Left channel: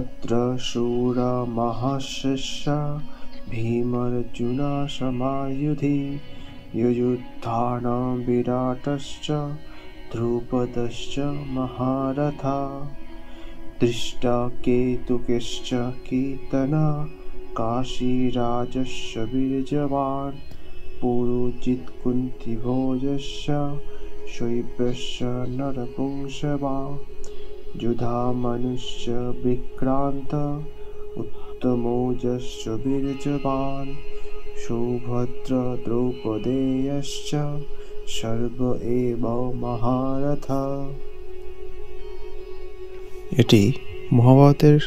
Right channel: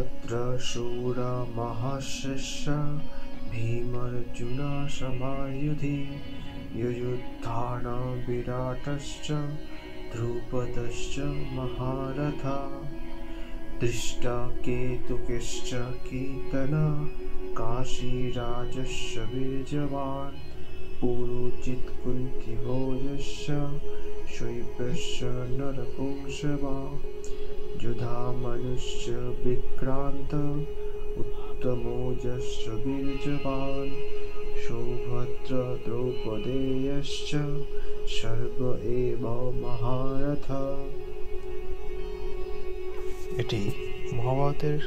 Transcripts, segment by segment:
तत्र शूरमहर्षिश्च भीमार्जुनसमायुधि युयुधानः विराटश्च द्रुपदश्च महारथा धृष्टकेतुश्च कीर्तनः काशीराजस्य वीर्यवान् पुरोजित् कुन्तीभोजश्च शैब्यश्च नरकोशवान् युधामनुश्च विक्रान्त उत्तमौजश्च वीर्यवान् सुभद्रा द्रौपदेयश्च सर्व एव महारथा। এটি মহাভারতের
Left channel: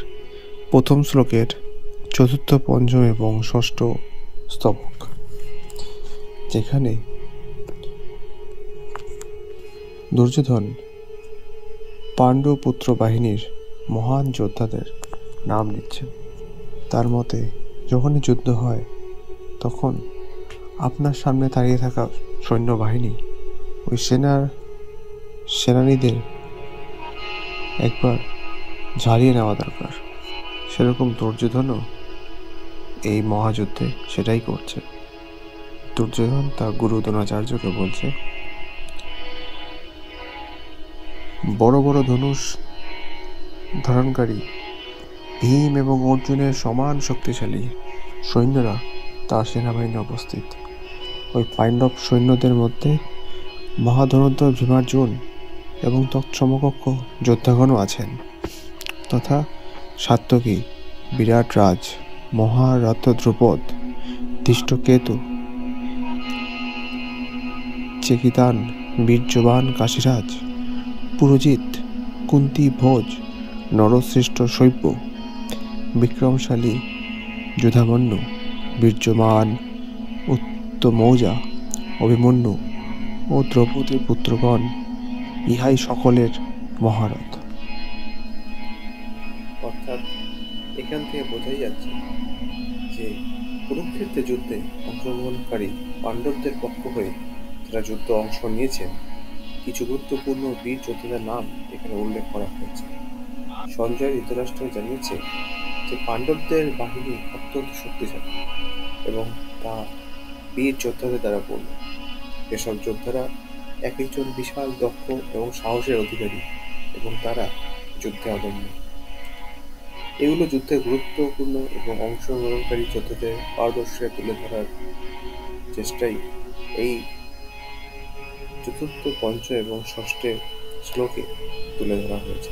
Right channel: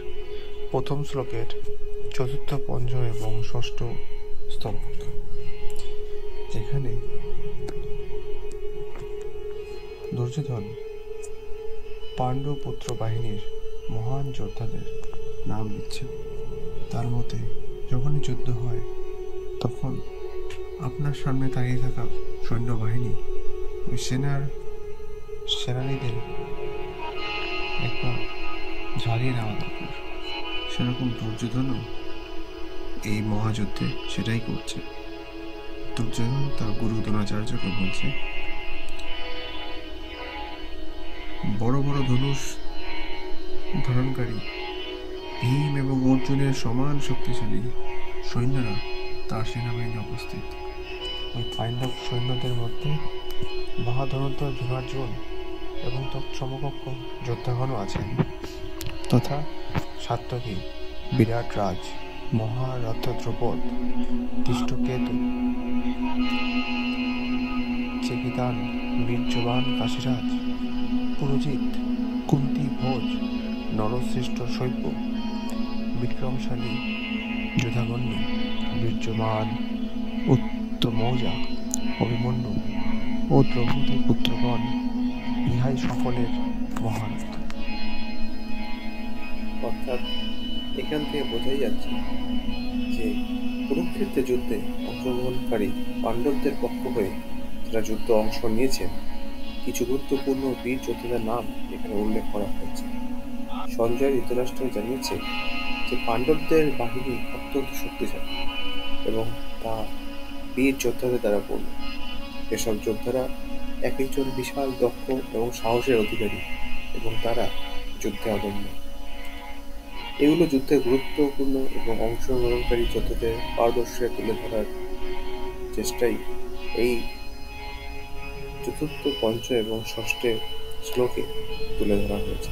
প্রথম শ্লোকের চতুর্থ, পঞ্চম এবং ষষ্ঠ স্তবক, যেখানে দুর্যোধন পাণ্ডব পুত্র বাহিনীর মহান যোদ্ধাদের নাম নিচ্ছে। তার মতে যখনই যুদ্ধ হয় তখন আপনার সামনে দাঁড়িয়ে থাকা সৈন্যবাহিনী ওই সেনানীদের একবার ঝালিয়ে নেওয়া দরকার। সেরকম দুর্যোধনও এই মহাযুদ্ধে সেটাই করছে। দুর্যোধন তার গুরু দ্রোণাচার্যকে বলছে, বড় বড় ধনুষ ধারণকারী ভীম এবং অর্জুনের সমান শক্তিশালী সৈন্যরা তার সেনাবাহিনী উপস্থিত। ওই পাণ্ডব সৈন্যদের মধ্যে মহাধনুর্ধর ভীমার্জুন এবং তৎসমকক্ষ যোদ্ধাগণও আছেন, তথা সাত্যকী, বিরাট রাজ, মহারথ দ্রুপদ, ধৃষ্টকেতু, চেকিতান, বীর্যবান কাশীরাজ, পুরোজিত, কুন্তী ভোজ, নরশ্রেষ্ঠ শৈব্য, বিক্রমশালী যুধামন্যু, বীর্যমান উত্তমৌজা, অভিমন্যু ও দ্রৌপদীর পুত্রগণ, ইহাই সকলের মহারথ। অর্থাৎ এখান থেকে বোঝাই যাচ্ছে যে কুরুক্ষেত্রে যুদ্ধে অংশগ্রহণকারী পাণ্ডবদের পক্ষ হয়ে যারা যুদ্ধ অংশ নিয়েছেন কিছু গুরুত্বপূর্ণ বীর যোদ্ধাদের নাম এখানে উল্লেখ করা হয়েছে। সঞ্জয় ধৃতরাষ্ট্র জানিয়েছে যে পাণ্ডবদের বাহিনী অত্যন্ত শক্তিশালী এবং তা বীর যোদ্ধাদের দ্বারা পূর্ণ। এসব যোদ্ধারা এক একজন বিশাল দক্ষ এবং সাহসের অধিকারী এবং তারা যুদ্ধে অদম্য। এগুলো যুদ্ধের গুরুত্বপূর্ণ এবং অংশগ্রহণকারী যোদ্ধাদের পারদর্শিতা তুলে ধরার চেষ্টাই এই চতুর্থ, পঞ্চম এবং ষষ্ঠ শ্লোকে তুলে ধরা হয়েছে।